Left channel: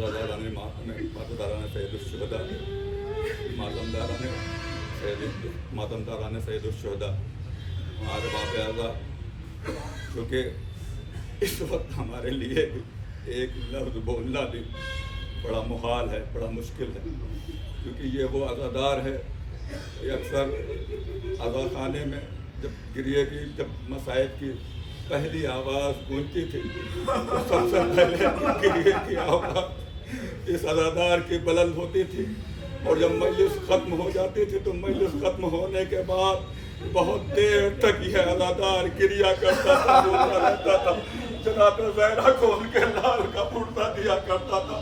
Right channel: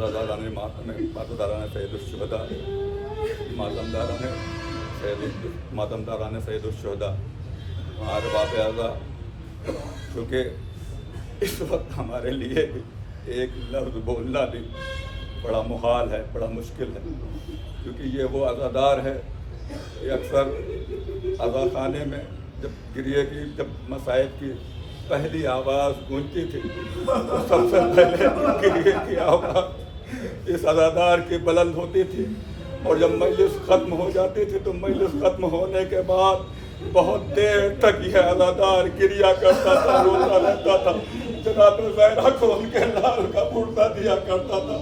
आज़ादारान सैयद शुहदा, मातमदारान सैयद शुहदा, हमारे बाप आज़ा, क्योंकि इस वक्त हमारे लिए एक लफ्ज़ बोलना भी बड़ा मुहाल है, बड़ा मुश्किल है, क्योंकि ये वो अज़ादार है कि अक्सर अज़ा खाने में जब गिरिए की, जब मसाइब की पहली आवाज़ गूंजती थी तो सबसे पहले गिरिए की आवाज़ इस अज़ादार की बुलंद होती थी, और जब मजलिस ख़त्म हो जाती थी तो मजलिस ख़त्म होने के बाद बहुत देर तक यह अज़ादार गिरिया करता था, रोता रहता था। जनाब ज़हरा को उनके लाल का पुर्ता दिया करता था।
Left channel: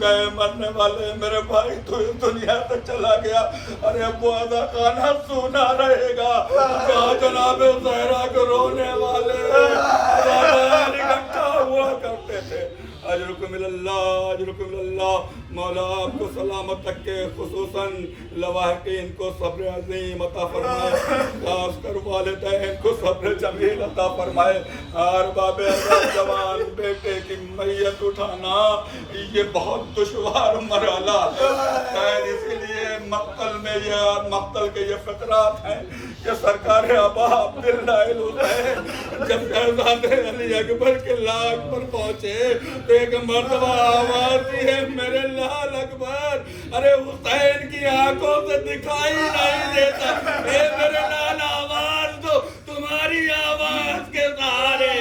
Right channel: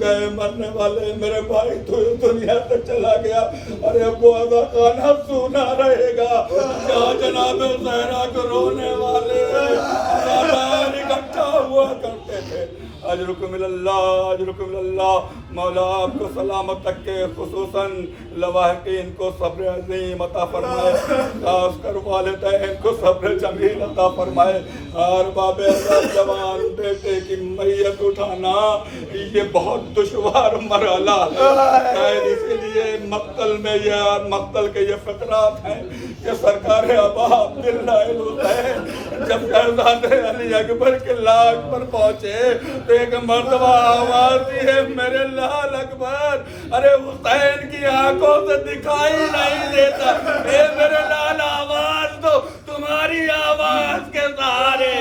गए मरने वाले मेरे भाई तो इस दुनिया से चला गया, अरे वो अज़ा खाना सुना रहेगा, कहाँ जनाब ज़हरा को रोने वाले इकट्ठा हुआ करते थे। अजरुकुम इल्लल्लाह, अजरुकुम इल्लल्लाह। मौला आपको सलामत रखे, खुसूसन लवाहिकीन को सब्र अज़ीम अता फरमाए, खास कर वालिदैन को सब्र जमील अता फरमाए। हर बाबे जवान बेटे की मैयत उठाना ये बहुत दुश्वार मरहला है, शायद इसीलिए मक्तल में ये मक्तल के ये फितरात हैं कि सरकार अबा अब्दुल्लाह हुसैन जब शहज़ादे अली अकबर के लाश पर पहुंचे तो एक मर्तबा आवाज दी है, मेरे लाल अकबर, अरे हुसैन की आंखों से दिखाई नहीं देता, ये मेरे लाल आवाज दो, तुम्हारी आवाज के सहारे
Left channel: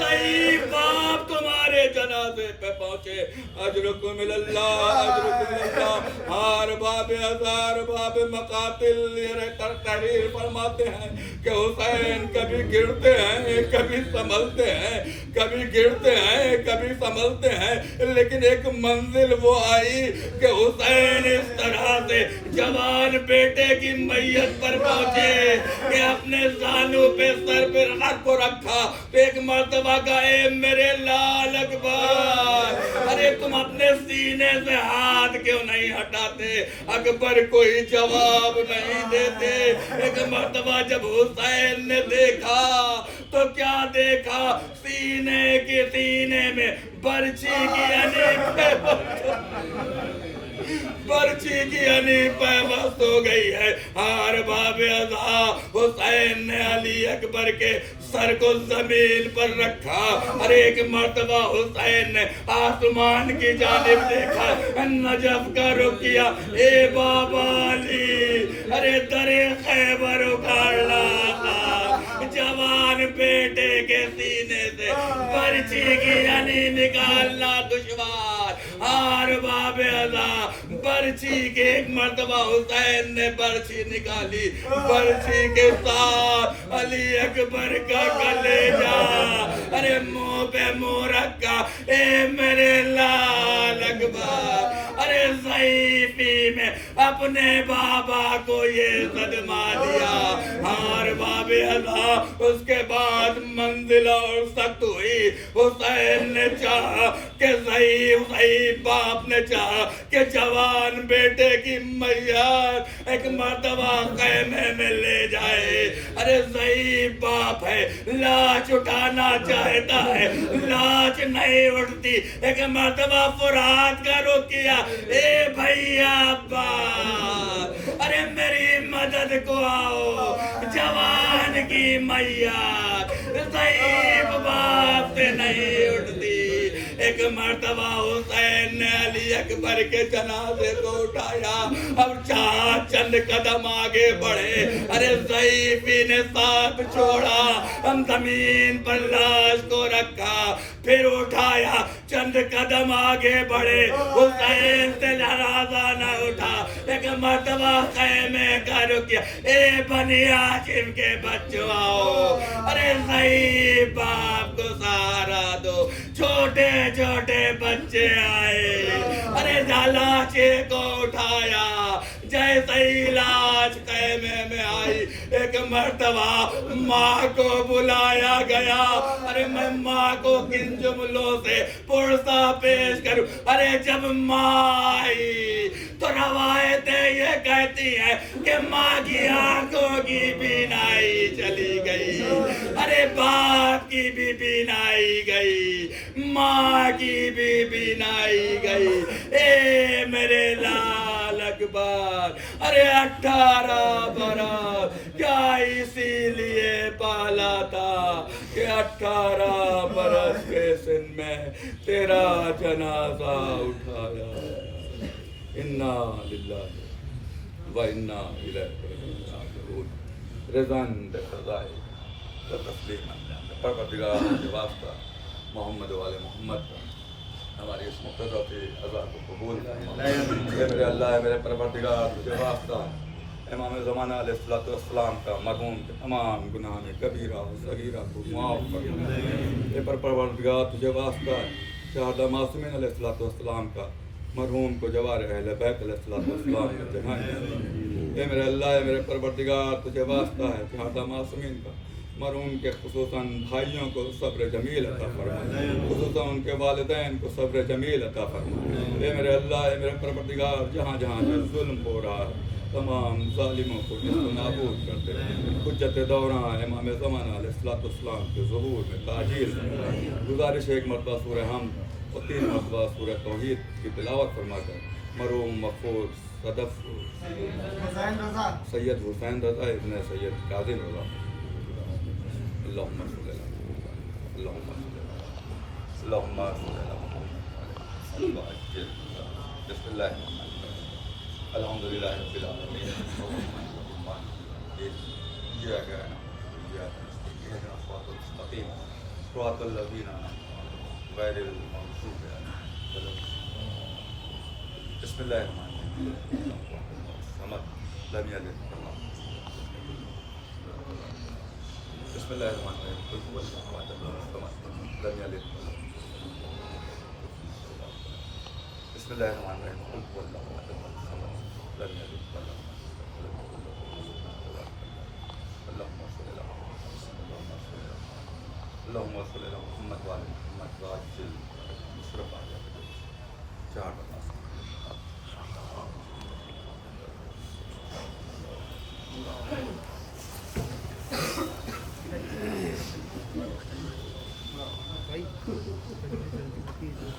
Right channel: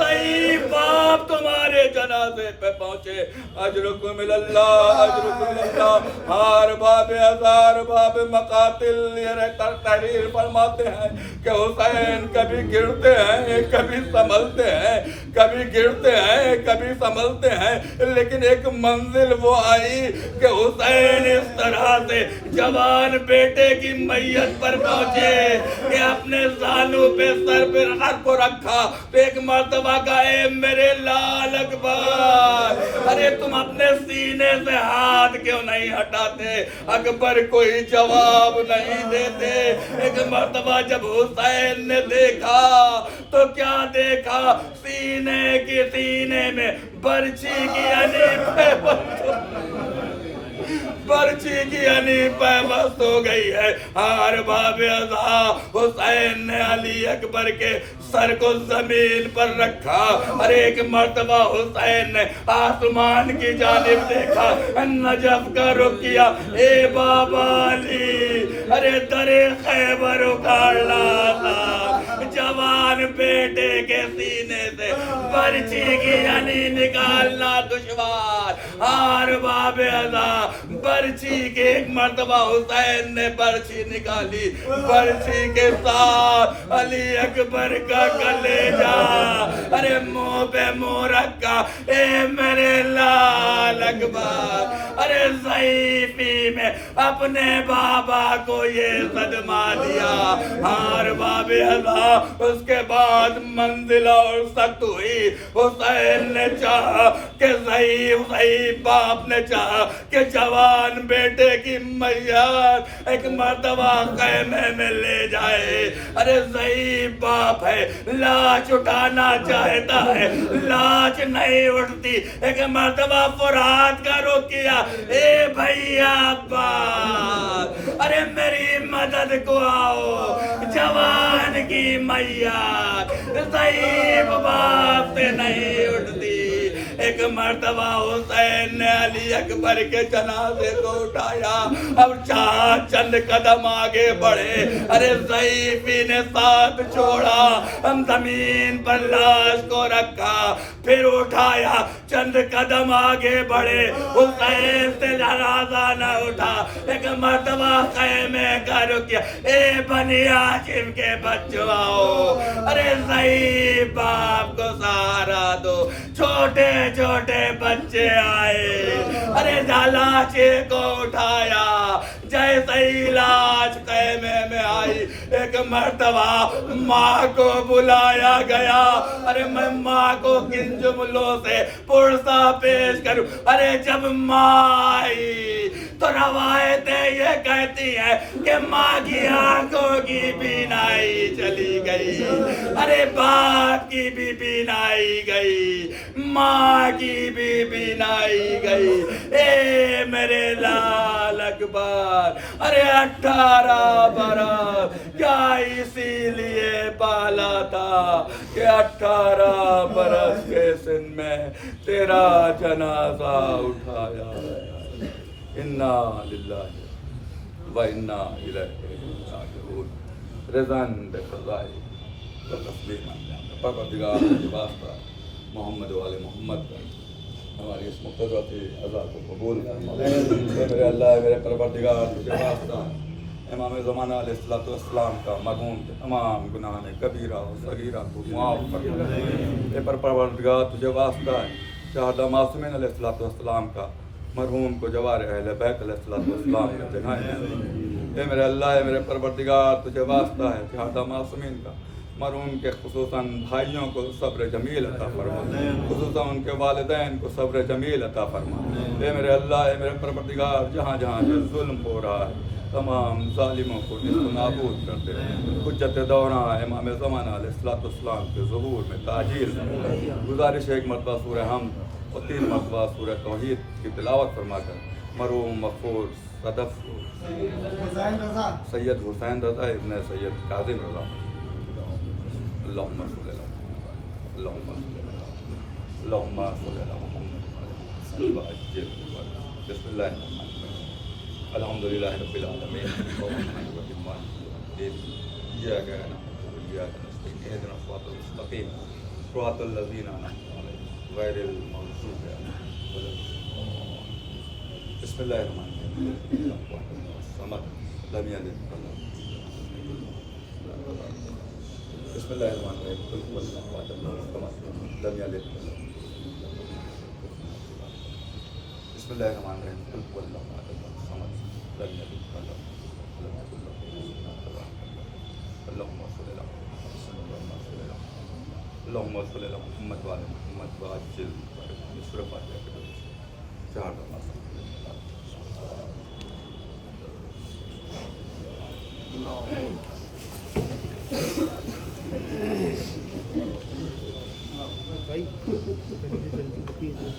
सही बाप तुम्हारे जनाजे पे पहुंचे। अजरुकुम इल्लल्लाह, अजरुकुम इल्लल्लाह। हर बाब हजार बाब मकातिल ये तहरीर फरमाते हैं कि हुसैन कभी गिरते हैं, कभी संभलते हैं, कभी गिरते हैं, कभी संभलते हैं, लेकिन एक मंजिल वो आई कि हुसैन इस तरह से जवान बेटे की मैयत पर पहुंचे कि अपने जालू पे सर पे को रखा तो एक मर्तबा गए, मेरे लाल अकबर, अरे तुम अपने सीने से हाथ क्यों नहीं हटाते? अकबर कोई जवाब नहीं देते। एक मर्तबा जब हुसैन ने देखा तो क्या देखा, सीने में बर्छी की पैबस्त हो गई है। हर बाबे अज़ा हुसैन ने अली अकबर के सर को जमीन पर रखा। अरे एक मर्तबा हुसैन ने आसमान की जानिब देखा, नजफ का रुख किया, ए बाबा अली, अरे दरे खैबर उखाड़ लाना, जवान बेटे के सीने से बर्छी की अली निकालना दुश्वार। हार बाबे अज़ा बर्छी के एक मर्तबा हुसैन ने बर्छी निकाली, बर्छी के साथ अली अकबर का कलेजा, अरे मुंह पे मुंह रखा, ए मेरे लाल अकबर, अरे ज़ईफ़ी में अपने बाबा को ये सदमा दिया। हार बाबे अज़ा उसके बाद मंजिल और सख्त हुई। हुसैन ने चाहा कि ज़ईफ़ बाप ने चाहा कि जवान बेटे की मैयत एक मर्तबा ख़ैमे में ले जाए। अरे ज़ईफ़ बाप है, लाश उठाना चाहता है, लाश नहीं उठती। एक मर्तबा फुरात का रुख किया, ए भैया अब्बास, अरे मेरी मदद को आओ, जवान की मैयत ज़ईफ़ बाप से नहीं उठती। एक मर्तबा हुसैन ने अली अकबर के जनाजे को उठाया, अब चंद कदम आगे बढ़े, अरे ज़ईफ़ी ने साथ छोड़ा, हम जमीन पर लाश को रखा, फिर उठाया, चंद कदम आगे बढ़े, हुसैन से जनाजा न उठा। एक मर्तबा ख़ैमे का रुक किया, ए बनी हाशिम के बच्चों आओ, अरे ज़ईफ़ बाप को सहारा दो। छोटे छोटे बच्चे आए, अरे लाशे को उठाया, جیسے ہی لاش خیمے میں آئی ایک مرتبہ ماں کو بلایا گیا. ارے میں ماں کو کن جملوں سے پرسہ پیش کروں. ارے جب ماں آئی تو روایتیں یہ کہتی ہیں کہ ماں کی آنکھوں کی بینائی چلی گئی. ارے باپ کی بھی بینائی گئی, ماں کی بھی بینائی گئی. اے میرے لال اکبر, ارے 18 برس کیا اسی لیے پالا تھا کہ 18 برس کے سن میں تیرا جنازہ اٹھایا. انا للہ و انا الیہ راجعون. رضاً بقضائے و تسلیما. پروردگار کے واسطہ محمد والے محمد کا ہماری اس مقتضا سے عزا کو قبول فرما. اے میرے اللہ, اے میرے پروردگار, تجھے واسطہ امام زمانہ علیہ السلام کا مرحوم کے تمام گناہ کبیرہ و صغیرہ کو معاف فرما. اے پروردگار, تجھے واسطہ ہے شہداء معصومین علیہ السلام کا مرحوم کو جوار اہل بیت علیہ السلام کا جنائے. اے میرے اللہ, اے میرے پروردگار, تجھے واسطہ ہے شہداء معصومین کا مرحوم کے خصوصاً بھائیوں کو صبر جمیل عطا فرما, خصوصاً ان کے والدین کو صبر جمیل عطا فرما. اے میرے اللہ, اے میرے پروردگار, جہاں جہاں جو ظلم ہو رہا ہے تمام ظالموں کو نیست و نابود کرتے ہیں. حجت دوران امام زمانہ علیہ السلام کے ظہور میں تاجیل. گزارش ہے ایک مرتبہ سورہ حمد اور 3 مرتبہ سورہ توحید کی تلاوت فرما کر مرحوم مغفور صدف سید حسین رضا ابن سید کاظم رضا اللہم صلی اللہ اللہم اللہم صلی اللہ. بسم اللہ الحمدللہ رب العالمین الرحمن الرحیم مالک یوم الدین ایاک نعبد و ایاک نستعین اہدنا الصراط المستقیم صراط الذین انعمت علیہم غیر المغضوب علیہم. بسم اللہ الرحمن الرحیم الصمد لم یلد بسم اللہ الرحمن الرحیم قل هو اللہ احد اللہ الصمد لم یلد بسم اللہ الرحمن الرحیم قل هو اللہ احد اللہ لم یلد اللہم صلی اللہ اللہم صلی اللہ محمد وعلی محمد وعجل مصرف علیہ چار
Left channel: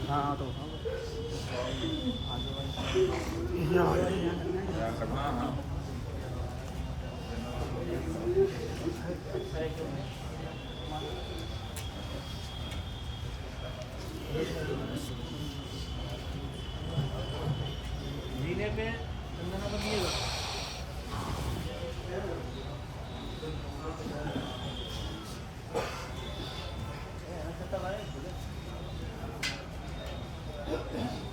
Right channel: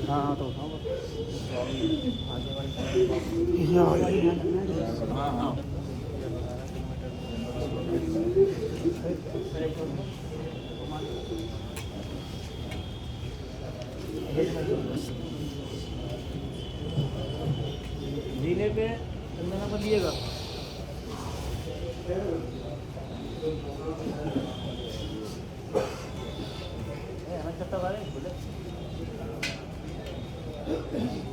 ہاں تو جینے پہ چندنا پر دیے گا. Thank you.